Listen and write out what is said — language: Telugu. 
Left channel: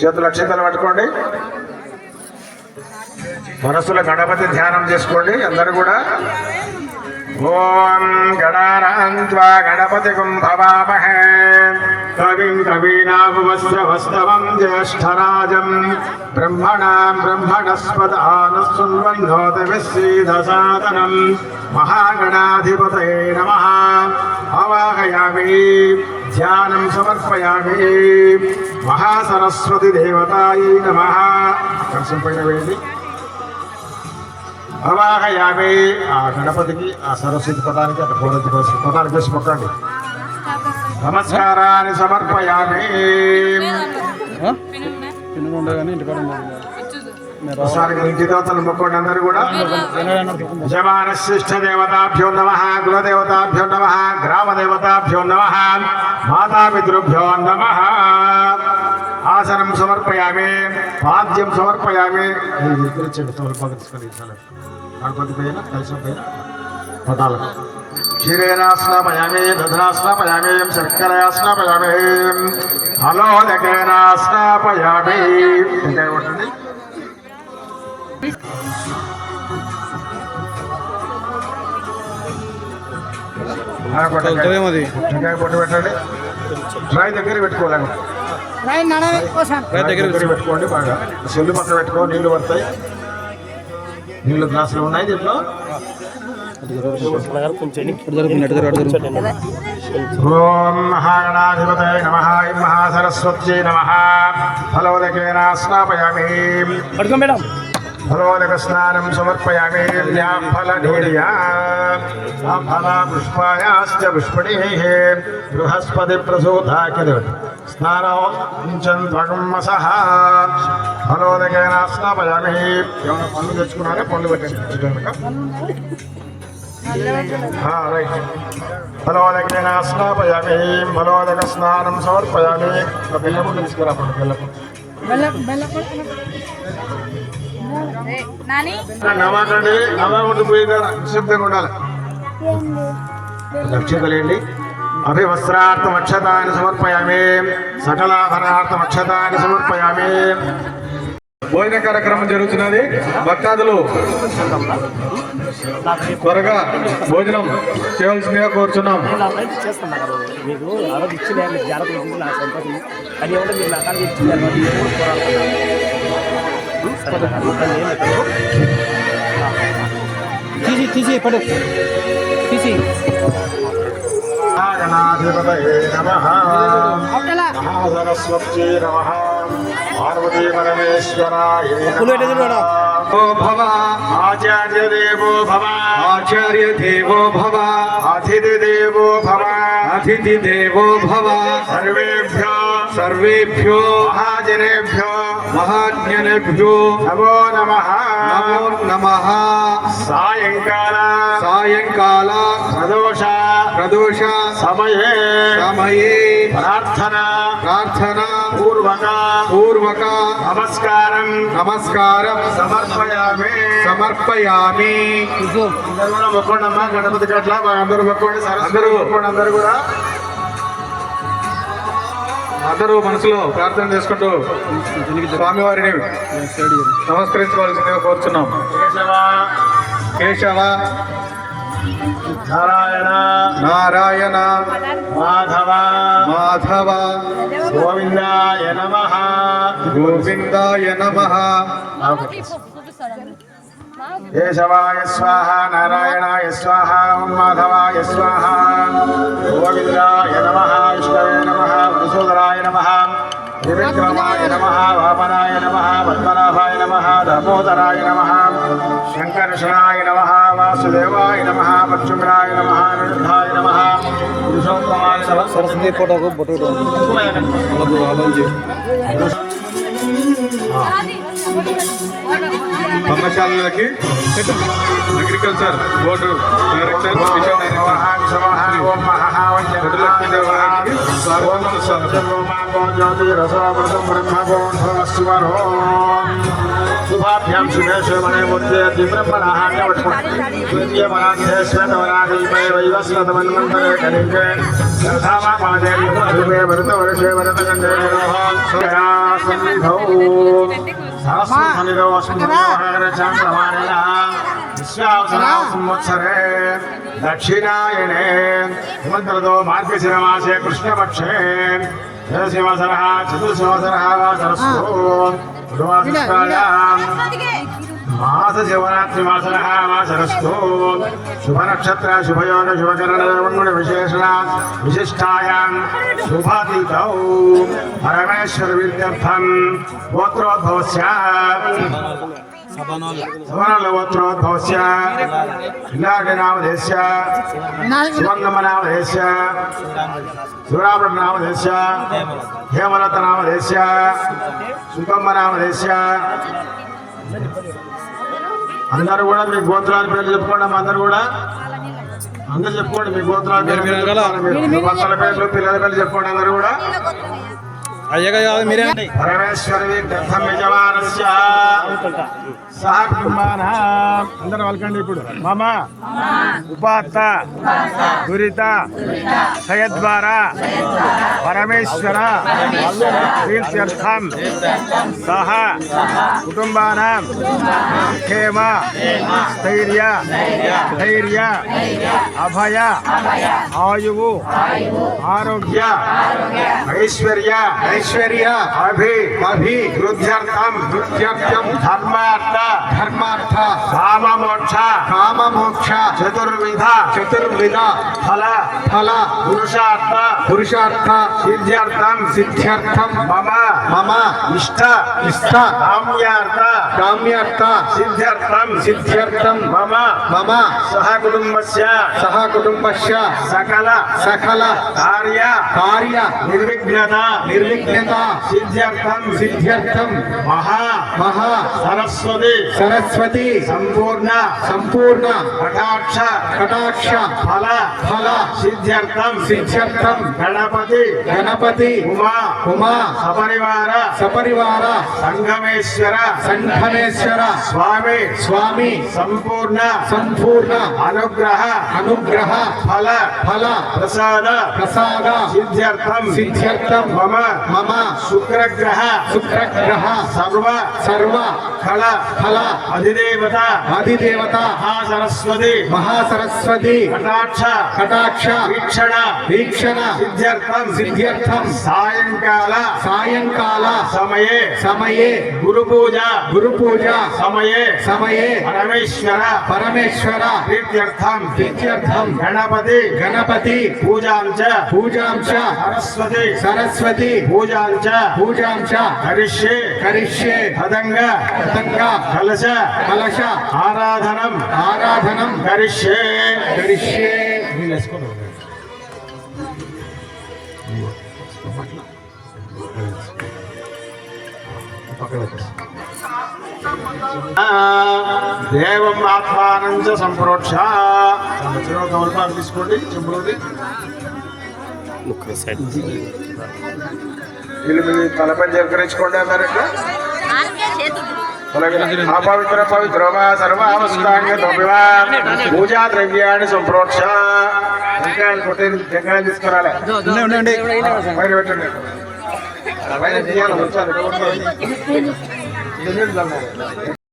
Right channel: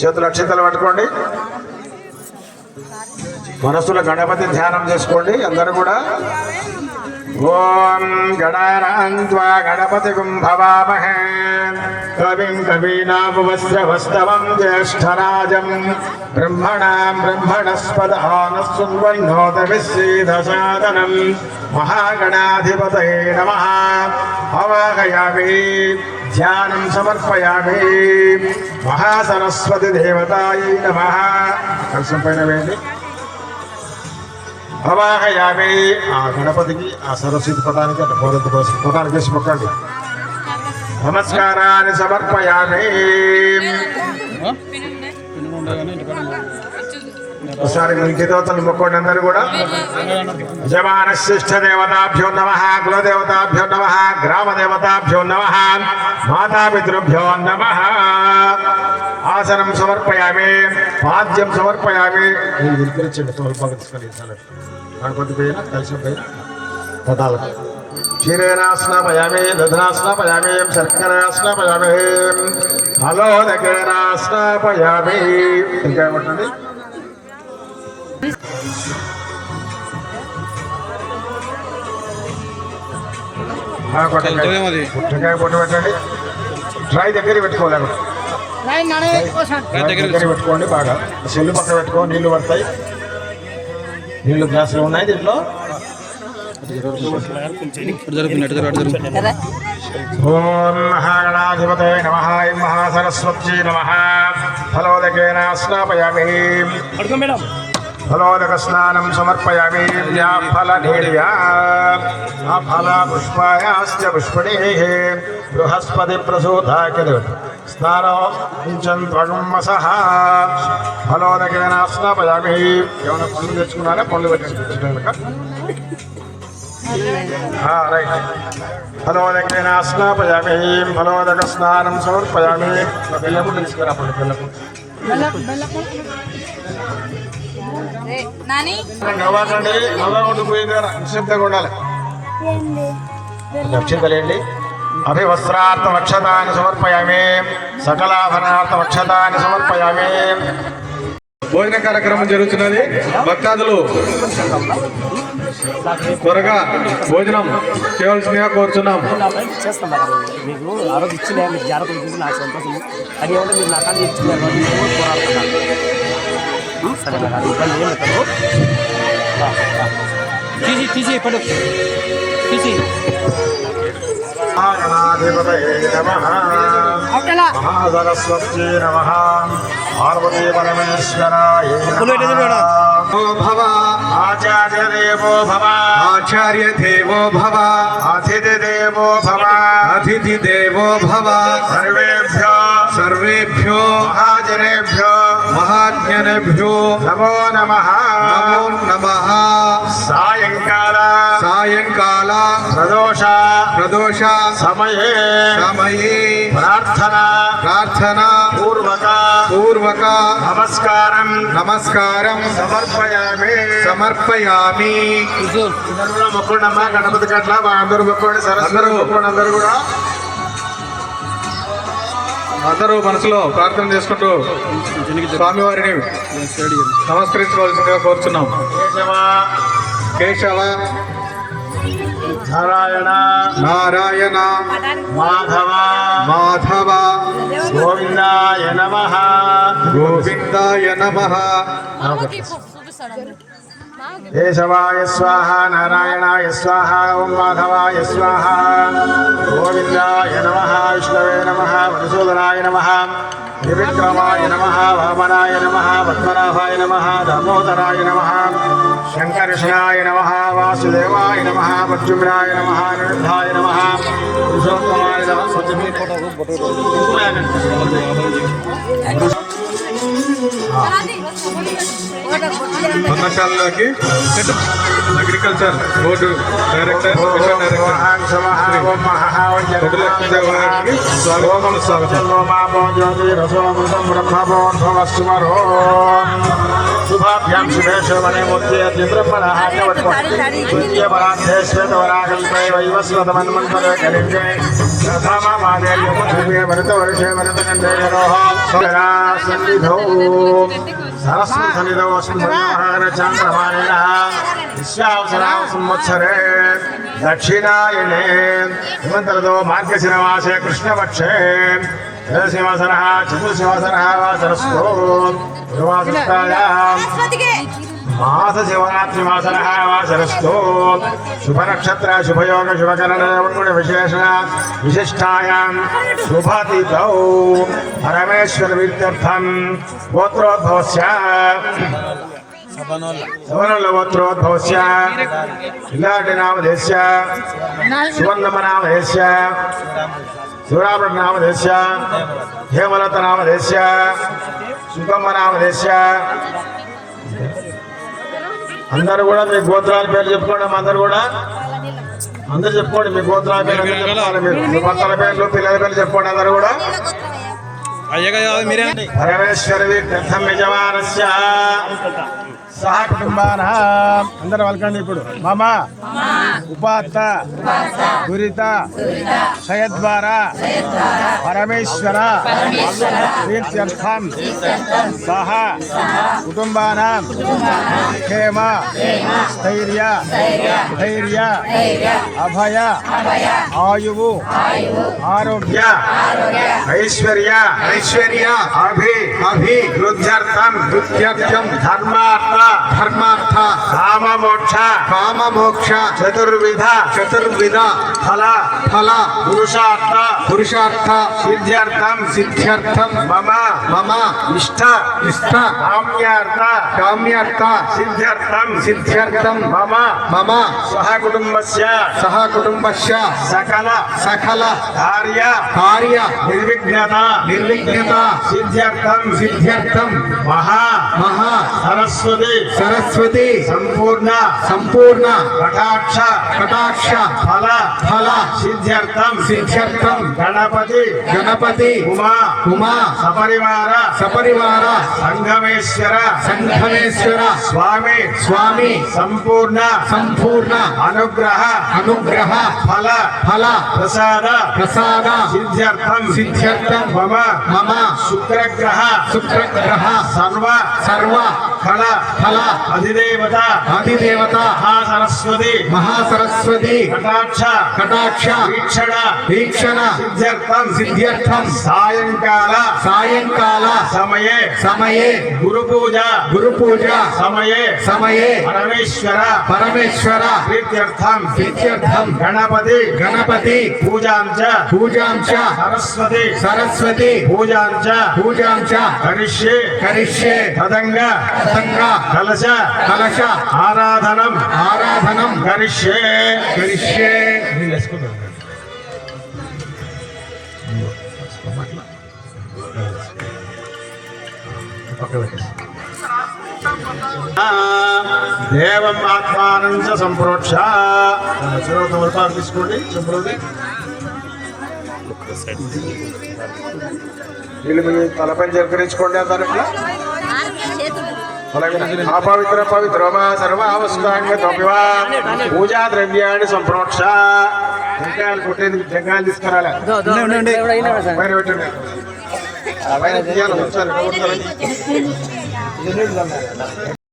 చేతులు అక్షింతలు పట్టుకోండి. మనసులో గణపతి ధ్యానం చేసుకోండి అందరు కూడా. ఓం గణానాన్త్వా గణపతిగుం భవామహే కవిం కవీనాముపస్రవస్తవం జ్యేష్ఠరాజం బ్రహ్మణాం బ్రహ్మణస్పదానశృణ్వన్నోతవిశ్రీదసాదనం మహాగణాధిపతయే నమః. అవాహయామి, ధ్యానం సమర్పయామి. మహాసరస్వతి దేవతాయై నమః. కలశం పైన వేయండి. అవాహయామి. ఆ గణపతికి ఆ సరస్వతి పదానికి అటు పదానికి వేసి మొక్కండి. నమస్కారాన్ని సమర్పయామి. ఒకసారి ఇంటి దేవతలు మొక్కండి అందరూ కూడా. యజమాన శ్రేష్ఠ దేవతాభ్యో నమః, కులదేవతాభ్యో నమః, గ్రామదేవతాభ్యో నమః, మాతాపితృభ్యో నమః. ఆసనం సమర్పయామి, పాద్యం సమర్పయామి. గణపతి పైన కలిసిన పైన పదాలకు క్షీరేణ స్నాపయామి, దధనా స్నాపయామి, శర్కర స్నాపయామి, ఫలోదకేన స్నాపయామి. ఇంకా ఏమంటుంది? పుట్టకాయ పొట్టు పెట్టండి. ట్రై దగ్గర పెట్టుకోలేము, దగ్గర పెట్టుకోండి. బాగా సెల్లు పక్కన పెట్టుకో, నీళ్లు పడతాయి. నీళ్లు గ్లాసులు ఉన్నాయి దీంట్లో. ఓం మహాగణాధిపతయే నమః, మహాసరస్వత్యై నమః. ఫలోదకేన స్నాపయామి, ఫలోదక స్నానం సమర్పయామి. ఫల పుష్పాయాశ్చ పుష్పణీః బృహస్పతి ప్రసూతాకిల స్నానం త్వగుమ్మసః. ఫలోదకేన స్నాపయామి. ఏమైనా పనులు తెచ్చుకున్నారా? పనులు పెట్టండి. రైట్. ఫలోదకేన స్నాపయామి, ఫలోదక స్నానం సమర్పయామి. బెల్లము తీసుకురా. నవ్వకండి, నవ్వకుండా పోయి నిశ్శబ్దంగా ఉండాలి. రక్షితలేండి. అభివస్త్రార్థమక్షతాన్ని సమర్పయామి, సకలాభరణార్థమక్షతాన్ని సమర్పయామి. భోజన కార్యక్రమం జరుగుతున్నది. భక్తాదులు త్వరగా భోజనం చేయవలసిందిగా కోరుతున్నాం. తీసి పడు తీసి. గణాధిపతయే నమః, మహాసరస్వత్యై నమః, పార్వతీ పరమేశ్వరాయ నమః. భవ ఆచార్య దేవో భవ, ఆచార్య దేవో భవ, అతిథి దేవో భవ, అతిథి దేవో భవ. సర్వేభ్యో సర్వేభ్యో మహాజనేభ్యో మహాజ్ఞనేభ్యో నమో నమః. నమో నమః. సాయంకాల సాయంకాల ప్రదోష ప్రదోష సమయే సమయే ప్రార్థన పూర్వక నమస్కారం సమర్పయామి. మొక్కండి అమ్మా. గణపతి గట్ల అందరూ మొక్కండి. అందరూ మొక్కండి. అందరూ కూడా అందరూ మనసులో ప్రార్థన చేసుకుంటూ స్వామివారిని నమస్కరించుకోవాల్సిందిగా కోరుచున్నాం. కేశవ నారాయణ నారాయణ మాధవ మాధవ గోవిందాయ నమః గోవిందాయ నమః. కేశవాయ స్వాహ, నారాయణాయ స్వాహ, ఓం మాధవాయ స్వాహ, గోవిందాయ నమః, విష్ణవే నమః, మధుసూదనాయ నమః, త్రివిక్రమాయ నమః, వామనాయ నమః, పద్మనాభాయ నమః, దామోదరాయ నమః, శంకర్షణాయ నమః, వాసుదేవాయ నమః, ప్రద్యుమ్నాయ నమః, నిరుద్ధాయ నమః, పురుషోత్తమాయ నమః. కళాశాలలోకి అగ్రికల్చర్ బోర్డు డైరెక్టర్ మిషన్ శుభాభ్యాం శుభేశ్వరే మూర్తి బ్రహ్మణాన్ని పట్టుకోండి శ్వేతవరాకల్పే వైవస్వతమన్మంతరే కలిగే భరత వర్షే భరత సన్నిధౌ సరస్వతి సన్నిధౌ చాంద్రమాయణ విశ్వావసరావ సంవత్సరే దక్షిణాయనే హిమంతరతో మార్గశిరమాసే కృష్ణపక్షే శివసర చతుర్శివసర వాసరస్తో గురువాసరాయాం మాస శివరాత్రి వాసర వాసరస్తో శుభనక్షత్ర శుభయోగ శుభకరణ విశేషణ విశిష్టాయాం శుభతిథౌ పరమేశ్వర విద్యర్థం గోత్రోద్భవస్య సవరణోత్రోద్భవస్య ఇలాంటినామధేస్య సువర్ణమనామధేస్య శివరామనామధేస్య హేమలతనామధేస్య సుఖమ్మనామధేస్య. అందరూ కూడా మీ గోత్రాల పేర్లు చెప్పుకోండి. అందరు కూడా అందరు చెప్పుకోండి. మీ గోత్రాల పేర్లు చెప్పుకోండి. మీ భర్తల పేర్లు పిల్లల పేర్లు చెప్పుకోండి. అందరూ కూడా పరమేశ్వరి తీర్థం యజమానస్య సహ కుటుంబానాం. అందరూ వల్కండి. ఇప్పుడు మమ ఉపాత్త దురిత క్షయద్వార పరమేశ్వర తీర్థం సహ కుటుంబానాం క్షేమ స్థైర్య ధైర్య అభయ ఆయువు ఆరోగ్య ఐశ్వర్య వృద్ధ్యర్థం ధర్మార్థ కామమోక్ష చతుర్విధ ఫల పురుషార్థ సిద్ధ్యర్థం మమ ఇష్ట కామ్యార్థ సిద్ధ్యర్థం మమ సహ కుటుంబస్య సకల కార్య నిర్విఘ్నత సిద్ధ్యర్థం మహా సరస్వతి సంపూర్ణ కటాక్ష ఫల సిద్ధ్యర్థం గణపతి ఉమా సపరివార సంఘమేశ్వర స్వామి సంపూర్ణ అనుగ్రహ ఫల ప్రసాద సిద్ధ్యర్థం మమ శుక్రగ్రహ సర్వ ఫల అధిదేవత మహాసరస్వతి కటాక్ష వీక్షణ సిద్ధ్యర్థం సాయంకాల సమయే గురు పూజ సమయే పరమేశ్వర ప్రీత్యర్థం గణపతి పూజాంచ సరస్వతి పూజాంచ కరిష్యే తదంగ కలశ ఆరాధనం కరిష్యే. దేవం ఆత్మానం చ సంప్రోక్ష. తమలపాకు తీసుకోండి. చెంపులోది వీళ్ళు మీ తలపై జరకరించుకోండి. అందరికీ పవిత్రమా సర్వావస్థాంగతోపివా పూజా ద్రవ్యాన్ని సంప్రోక్ష. టెంకాయలు కొట్టేది టెంకాయలు తీసుకురాలే పైన పెట్టండి.